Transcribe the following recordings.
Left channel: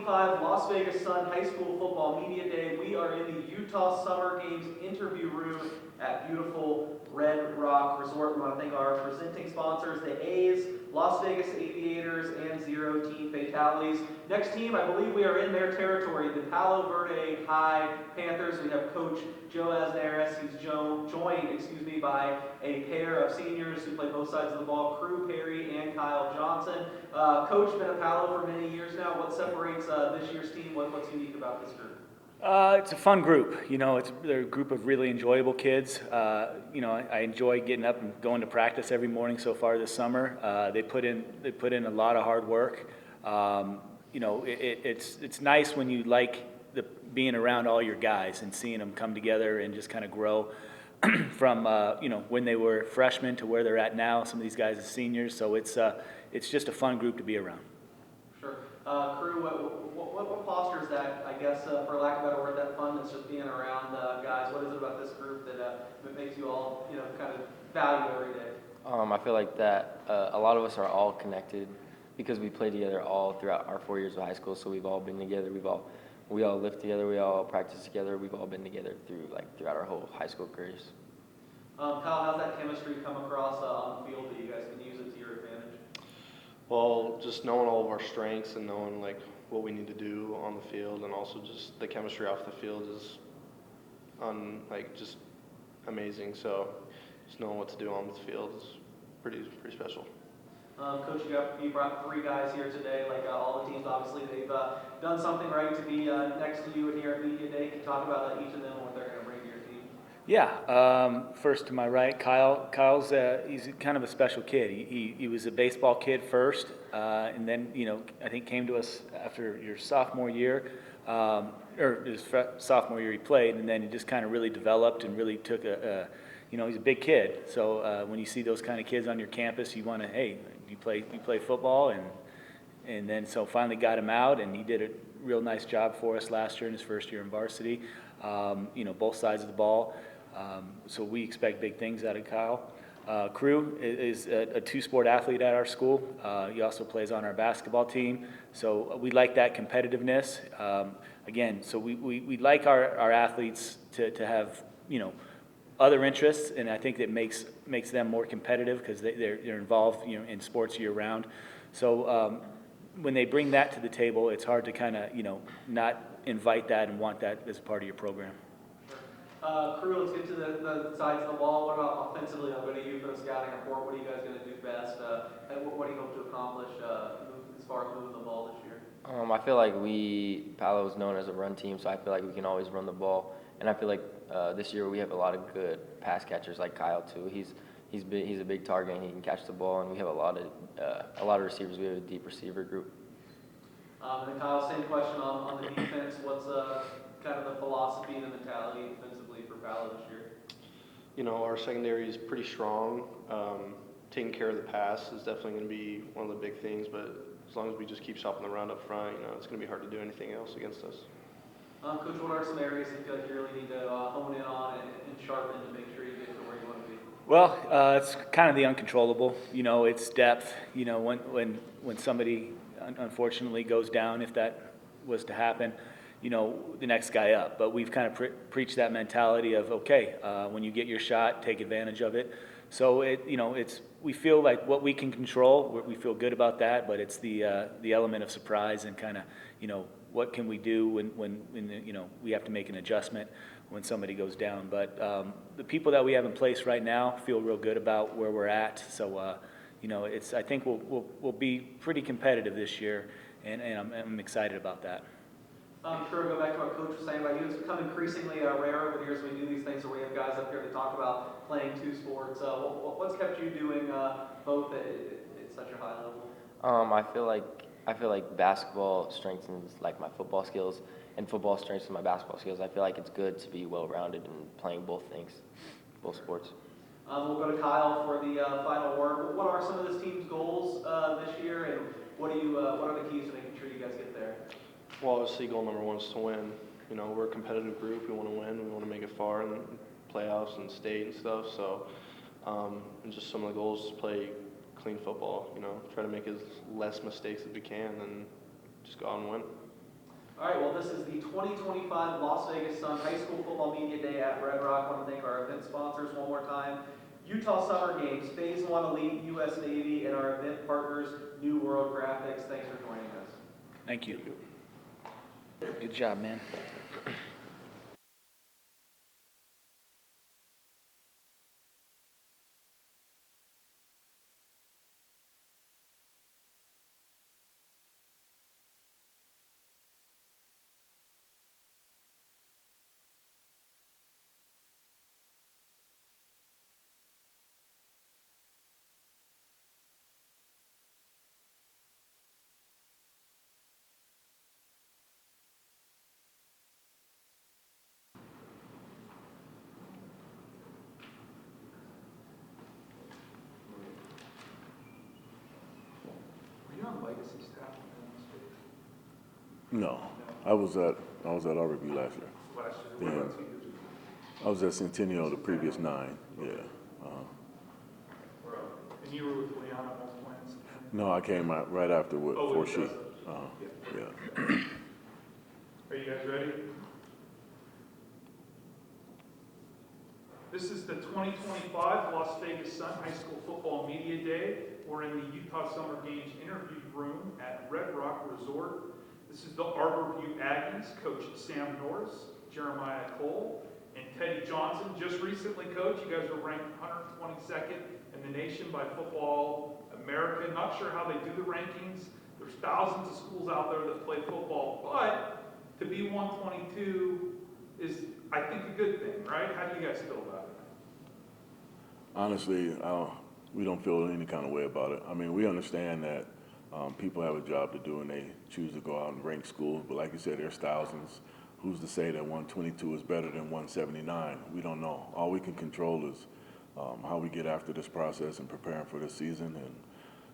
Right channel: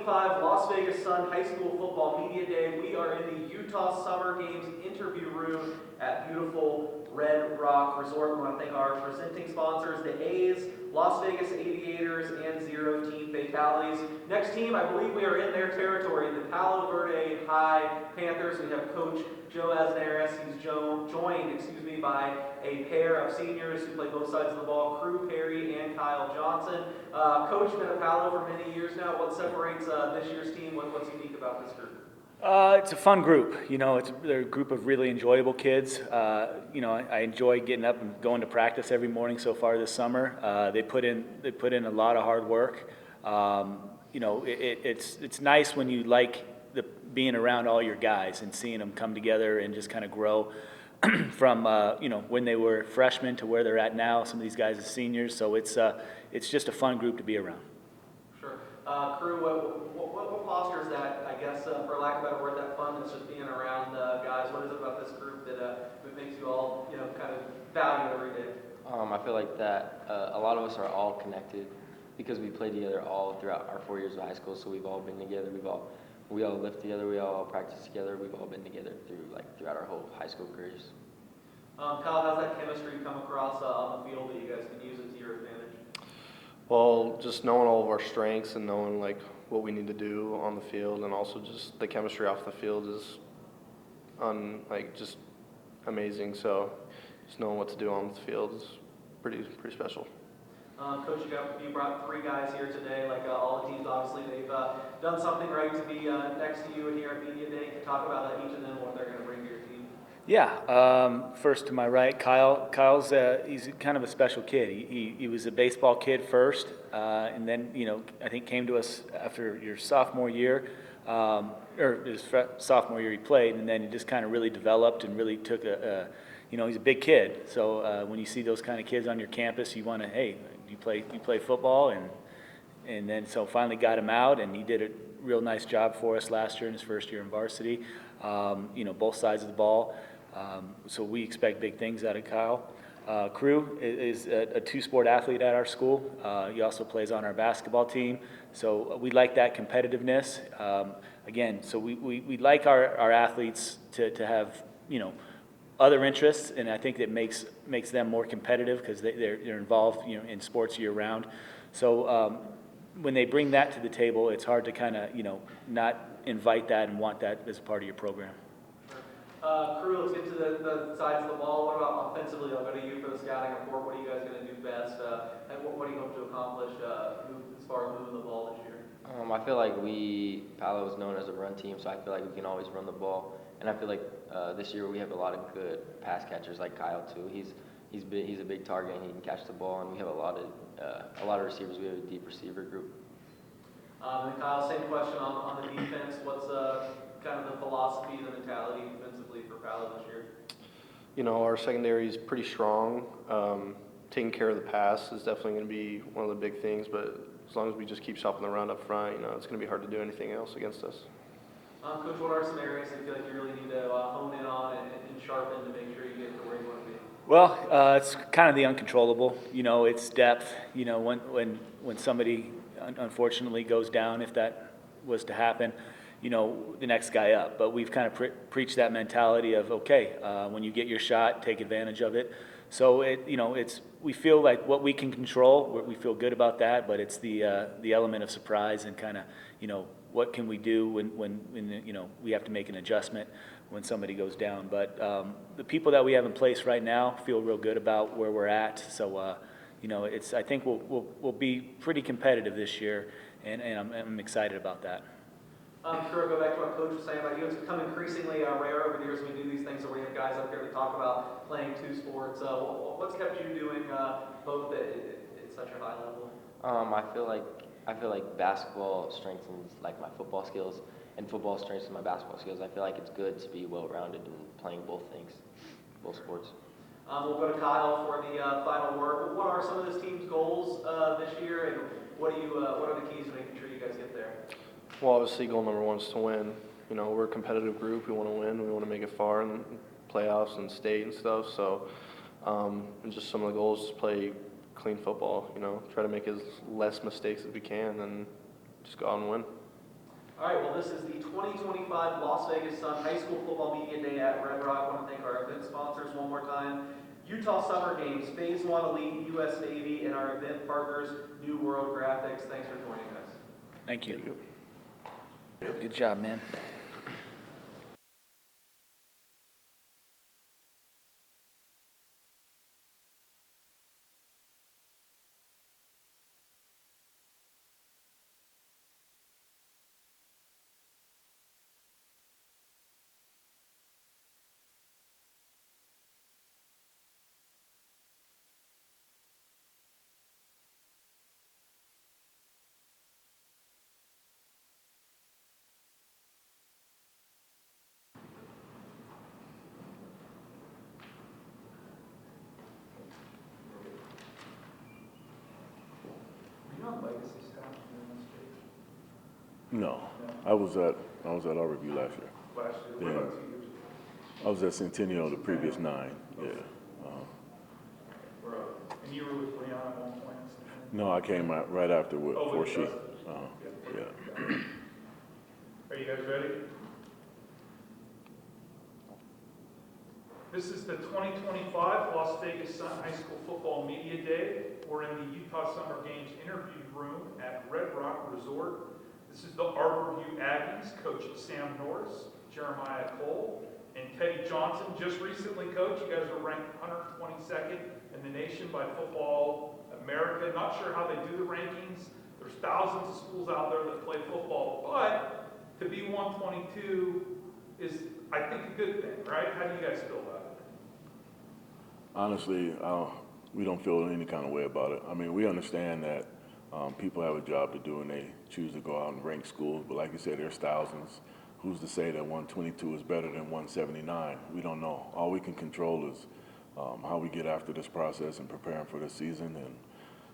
2025 Las Vegas Sun High School Football Media Day. We are in the Utah Summer Games interview room at beautiful Red Rock Resort. We want to thank our presenting sponsors, the A's, Las Vegas Aviators, and Zero Team Fatalities. Next team, I believe we are in their territory, the Palo Verde Panthers. We have Coach Joe Asnaris. He's joined by a pair of seniors who play both sides of the ball, Crew Perry and Kyle Johnson. Coach, been at Palo for many years now. What separates this year's team? What's unique about this group? It's a fun group. They're a group of really enjoyable kids. I enjoy getting up and going to practice every morning so far this summer. They put in a lot of hard work. It's nice when you like being around all your guys and seeing them come together and just kind of grow from when they were freshmen to where they're at now. Some of these guys are seniors, so it's just a fun group to be around. Sure. Crew, what fosters that, I guess, for lack of a better word, that fun that's just being around guys? What is it about this group that makes you all, kind of value every day? I feel like that a lot of us are all connected because we play together all throughout our 4 years of high school. So we've all been together. We all live together. We all practice together. We've all been together throughout our whole high school careers. Kyle, how's that chemistry come across on the field that you guys can use it to your advantage? Well, just knowing all of our strengths and knowing what we need to do on the field, and also just the chemistry off the field is just amazing. So just knowing what to do on the field is pretty special. Coach, you brought three guys here today. Like all the teams, obviously, they've done something right to be next to you here at Media Day. Can you talk about each of them, what they're going to bring to your team? Yeah. First to my right, Kyle. Kyle's he's kind of a special kid. He was a baseball kid first, and then I think came to us after your sophomore year, or his sophomore year he played, and then he just kind of really developed and really took he's a big kid. So when you see those kind of kids on your campus, you want to, hey, you play football, and then so finally got him out, and he did a real nice job for us last year in his first year in varsity. Both sides of the ball. So we expect big things out of Kyle. Crew is a two-sport athlete at our school. He also plays on our basketball team. So we like that competitiveness. So we like our athletes to have other interests, and I think that makes them more competitive because they're involved in sports year round. So when they bring that to the table, it's hard to kind of not invite that and want that as a part of your program. Crew, let's get to the sides of the ball. What about offensively? I'll go to you for the scouting report. What are you guys going to do best? And what do you hope to accomplish as far as moving the ball this year? I feel like Palo is known as a run team, so I feel like we can always run the ball. And I feel like this year we have a lot of good pass catchers like Kyle too. He's a big target and he can catch the ball, and we have a lot of receivers. We have a deep receiver group. And Kyle, same question on the defense. What's kind of the philosophy and the mentality defensively for Palo this year? Our secondary is pretty strong. Taking care of the pass is definitely going to be one of the big things, but as long as we just keep stopping the run up front, it's going to be hard to do anything else against us. Coach, what are some areas that you feel like you really need to hone in on and sharpen to make sure you get to where you want to be? Well, it's kind of the uncontrollable. It's depth. When somebody unfortunately goes down, if that was to happen, the next guy up. But we've kind of preached that mentality of, okay, when you get your shot, take advantage of it. So we feel like what we can control, we feel good about that. But it's the element of surprise and kind of what can we do when we have to make an adjustment when somebody goes down. But the people that we have in place right now feel real good about where we're at. So I think we'll be pretty competitive this year, and I'm excited about that. Sure, go back to what Coach was saying about you. It's become increasingly rare over the years when we do these things, so we have guys up here to talk about playing two sports. What's kept you doing both at such a high level? I feel like basketball strengthens my football skills, and football strengthens my basketball skills. I feel like it's good to be well-rounded and playing both things, both sports. We'll go to Kyle for the final word. What are some of this team's goals this year, and what are the keys to making sure you guys get there? Well, obviously, goal number one is to win. We're a competitive group. We want to win. We want to make it far in playoffs and state and stuff. So, and just some of the goals is play clean football. Try to make as less mistakes as we can, and just go out and win. All right, well, this is the 2025 Las Vegas Sun High School Football Media Day at Red Rock. I want to thank our event sponsors one more time. Utah Summer Games, Phase 1 Elite, U.S. Navy, and our event partners, New World Graphics. Thanks for joining us. Thank you. Good job, man. Were you on legacy staff in this stage? No, I was at Arbor View last year. Last year? Yeah. What about 2 years ago? I was at Centennial the previous 9. Yeah. And you were with Leon at one point? No, I came out right after before she. Yeah. Are you guys ready? This is the 2025 Las Vegas Sun High School Football Media Day. We're in the Utah Summer Games interview room at Red Rock Resort. This is the Arbor View Aggies, Coach Sam Norris, Jeremiah Cole, and Teddy Johnson. Just recently, Coach, you guys were ranked 122nd in the nation by Football America. Not sure how they do the rankings. There's thousands of schools out there that play football, but to be 122 is, I think, a good thing, right? How do you guys feel about it? Honestly, we don't feel any kind of way about it. I mean, we understand that people have a job to do and they choose to go out and rank schools. But like you said, there's thousands. Who's to say that 122 is better than 179? We don't know. All we can control is how we get after this process and preparing for the season. And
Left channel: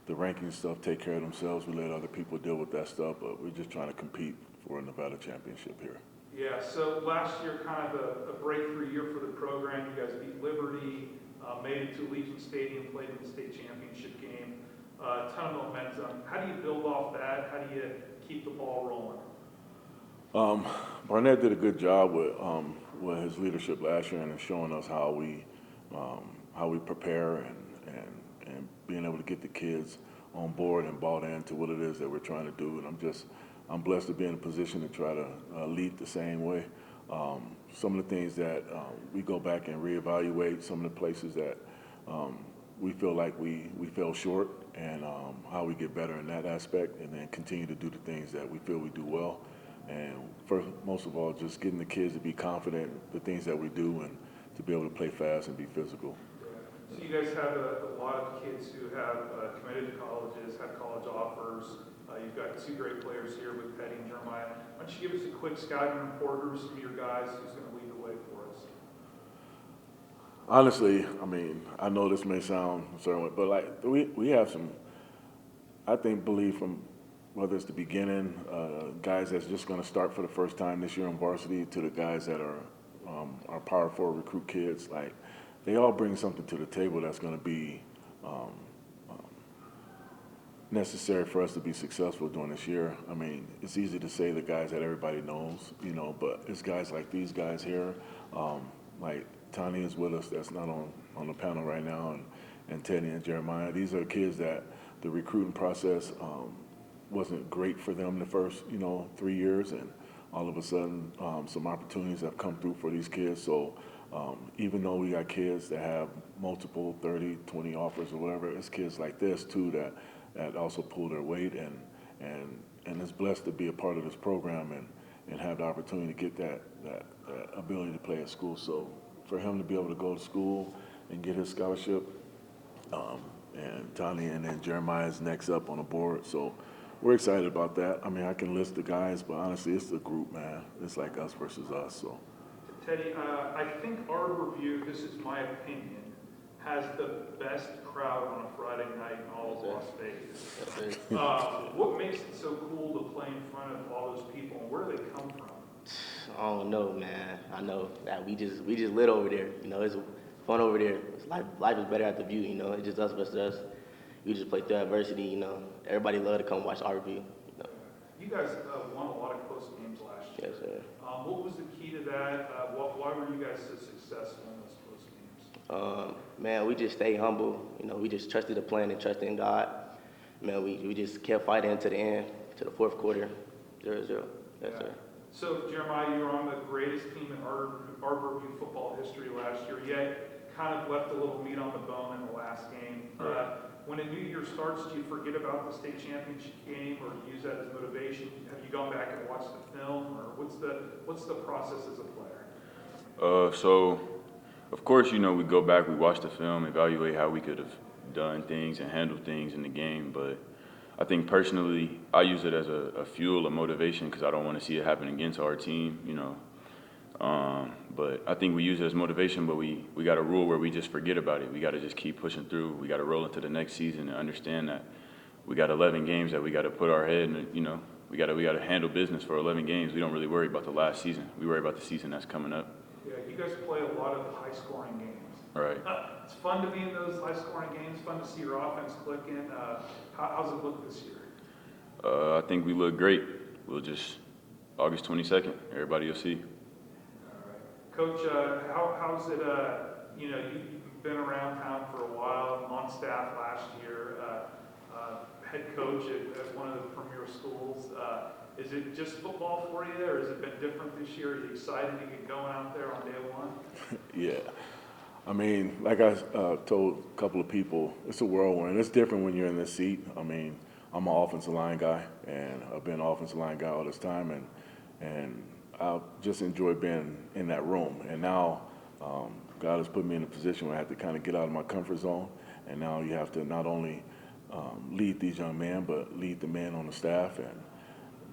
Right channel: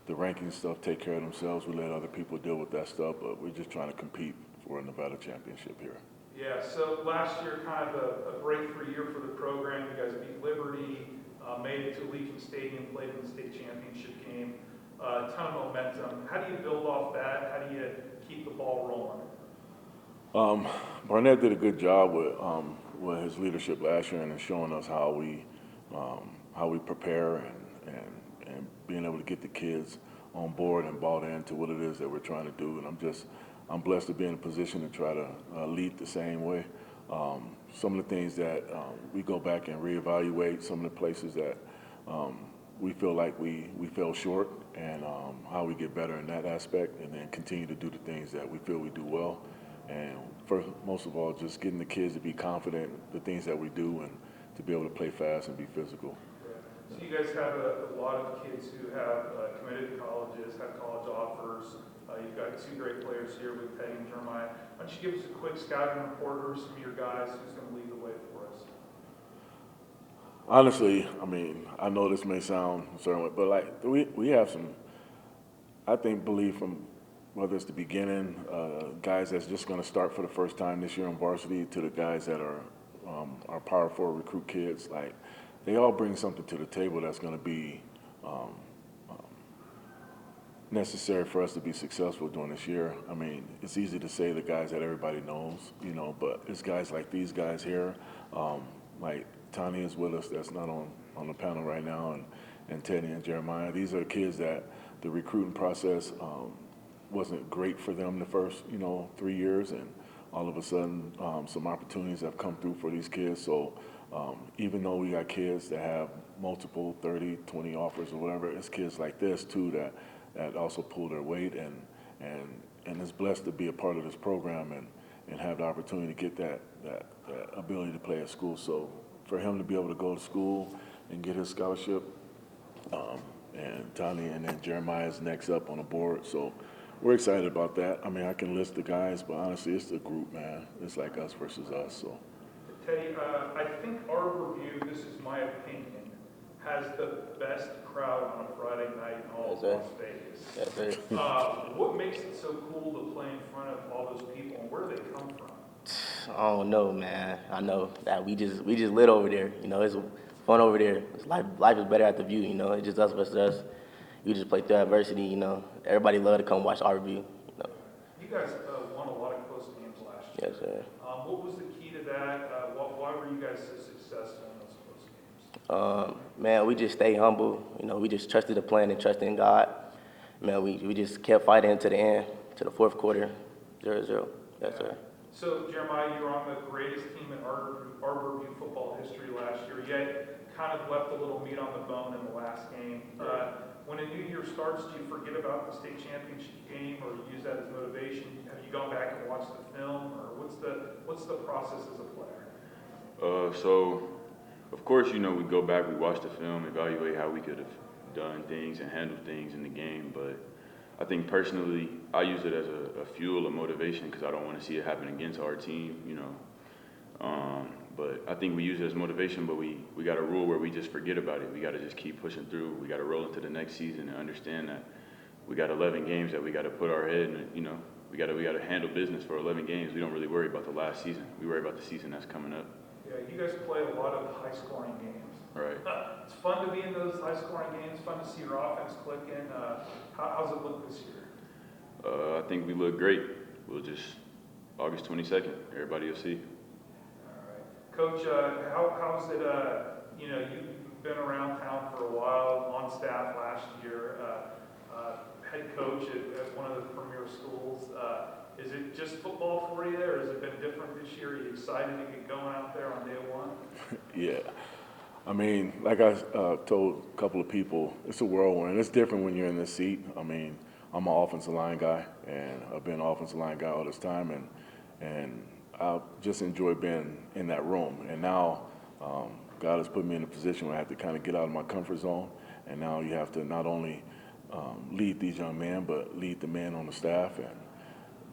the ranking stuff take care of themselves. We let other people deal with that stuff, but we're just trying to compete for a Nevada championship here. Yeah, so last year, kind of a breakthrough year for the program. You guys beat Liberty, made it to Allegiant Stadium, played in the state championship game. A ton of momentum. How do you build off that? How do you keep the ball rolling? Barnett did a good job with his leadership last year and showing us how we prepare and being able to get the kids on board and bought into what it is that we're trying to do. And I'm blessed to be in a position to try to lead the same way. Some of the things that we go back and reevaluate, some of the places that we feel like we fell short, and how we get better in that aspect, and then continue to do the things that we feel we do well. And first, most of all, just getting the kids to be confident in the things that we do and to be able to play fast and be physical. So you guys have a lot of kids who have committed to colleges, have college offers. You've got 2 great players here with Teddy and Jeremiah. Why don't you give us a quick scouting report of some of your guys who's going to lead the way for us? Honestly, I mean, I know this may sound a certain way, but like we have some, I think, believe from whether it's the beginning, guys that's just going to start for the first time this year on varsity, to the guys that are our Power 4 recruit kids. Like, they all bring something to the table that's going to be necessary for us to be successful during this year. I mean, it's easy to say the guys that everybody knows, but it's guys like these guys here, like Tani is with us, that's not on the panel right now, and Teddy and Jeremiah. These are kids that the recruiting process wasn't great for them the first 3 years, and all of a sudden some opportunities have come through for these kids. So even though we got kids that have multiple 30, 20 offers or whatever, it's kids like this too that also pull their weight, and is blessed to be a part of this program and have the opportunity to get that ability to play at school. So for him to be able to go to school and get his scholarship, and Tani and then Jeremiah's next up on the board. So we're excited about that. I mean, I can list the guys, but honestly, it's the group, man. It's like us versus us. So Teddy, I think Arbor View, this is my opinion, has the best crowd on a Friday night in all of Las Vegas. What makes it so cool to play in front of all those people, and where do they come from? I don't know, man. I know that we just lit over there. It's fun over there. Life is better at the View. It's just us versus us. We just play through adversity. Everybody love to come watch Arbor View. You guys won a lot of close games Yes, sir. What was the key to that? Why were you guys so successful in those close games? Man, we just stay humble. You know, we just trusted the plan and trusted in God. Man, we just kept fighting to the end, to the fourth quarter, 0-0. Yes, sir. So, Jeremiah, you were on the greatest team in Arborview football history last year, yet kind of left a little meat on the bone in the last game. When a new year starts, do you forget about the state championship game, or do you use that as motivation? Have you gone back and watched the film, or what's the process as a player? So, of course, you know, we go back, we watch the film, evaluate how we could have done things and handled things in the game. But I think personally, I use it as a fuel, a motivation, because I don't want to see it happen against our team, you know. But I think we use it as motivation, but we got a rule where we just forget about it. We got to just keep pushing through. We got to roll into the next season and understand that we got 11 games that we got to put our head in, you know. We got to handle business for 11 games. We don't really worry about the last season. We worry about the season that's coming up. Yeah, you guys play a lot of high-scoring games. Right. It's fun to be in those high-scoring games, fun to see your offense clicking. How's it look this year? I think we look great. We'll just, August 22nd, everybody will see. All right. Coach, how's it, you know, you've been around town for a while, on staff last year, head coach at one of the premier schools. Is it just football for you, or has it been different this year? Are you excited to get going out there on day one? Yeah. I mean, like I told a couple of people, it's a whirlwind. It's different when you're in this seat. I mean, I'm an offensive line guy, and I've been an offensive line guy all this time, and I just enjoy being in that room. And now God has put me in a position where I have to kind of get out of my comfort zone, and now you have to not only lead these young men, but lead the men on the staff and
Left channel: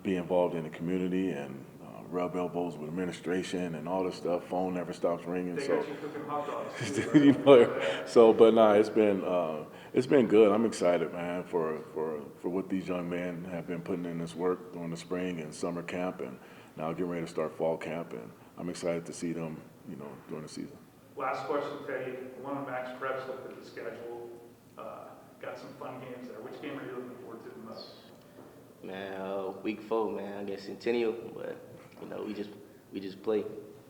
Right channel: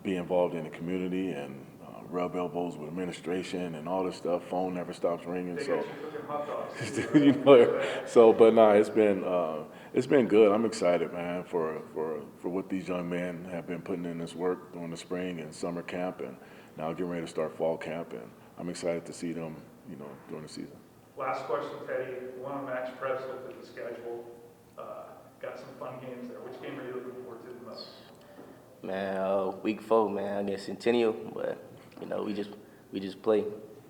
be involved in the community and rub elbows with administration and all this stuff. Phone never stops ringing. They So, got you cooking hot dogs. you know, but nah, it's been good. I'm excited, man, for what these young men have been putting in this work during the spring and summer camp, and now getting ready to start fall camp, and I'm excited to see them, you know, during the season. Last question, Teddy. One on Max Preps looked at the schedule. Got some fun games there. Which game are you looking forward to the most? Man, week 4, man, against Centennial, but you know, we just play.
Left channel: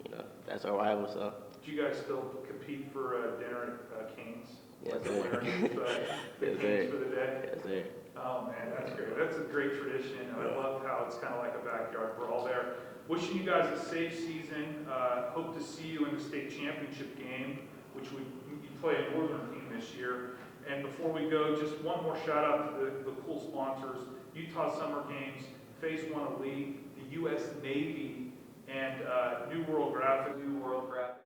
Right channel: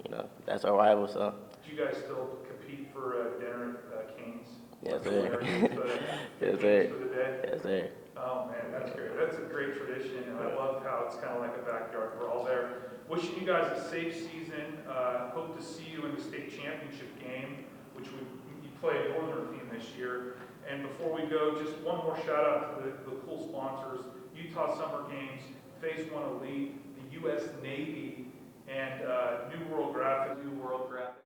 You know, that's our rival, so. Do you guys still compete for dinner at Canes? Yes, sir. Yes, Yes, Canes sir. for the day? Yes, sir. Oh, man, that's great. That's a great tradition, and I love how it's kind of like a backyard brawl there. Wishing you guys a safe season. Hope to see you in the state championship game, which you play a Northern team this year. And before we go, just one more shout out to the cool sponsors: Utah Summer Games, Phase 1 Elite, the U.S. Navy, and New World Graphics.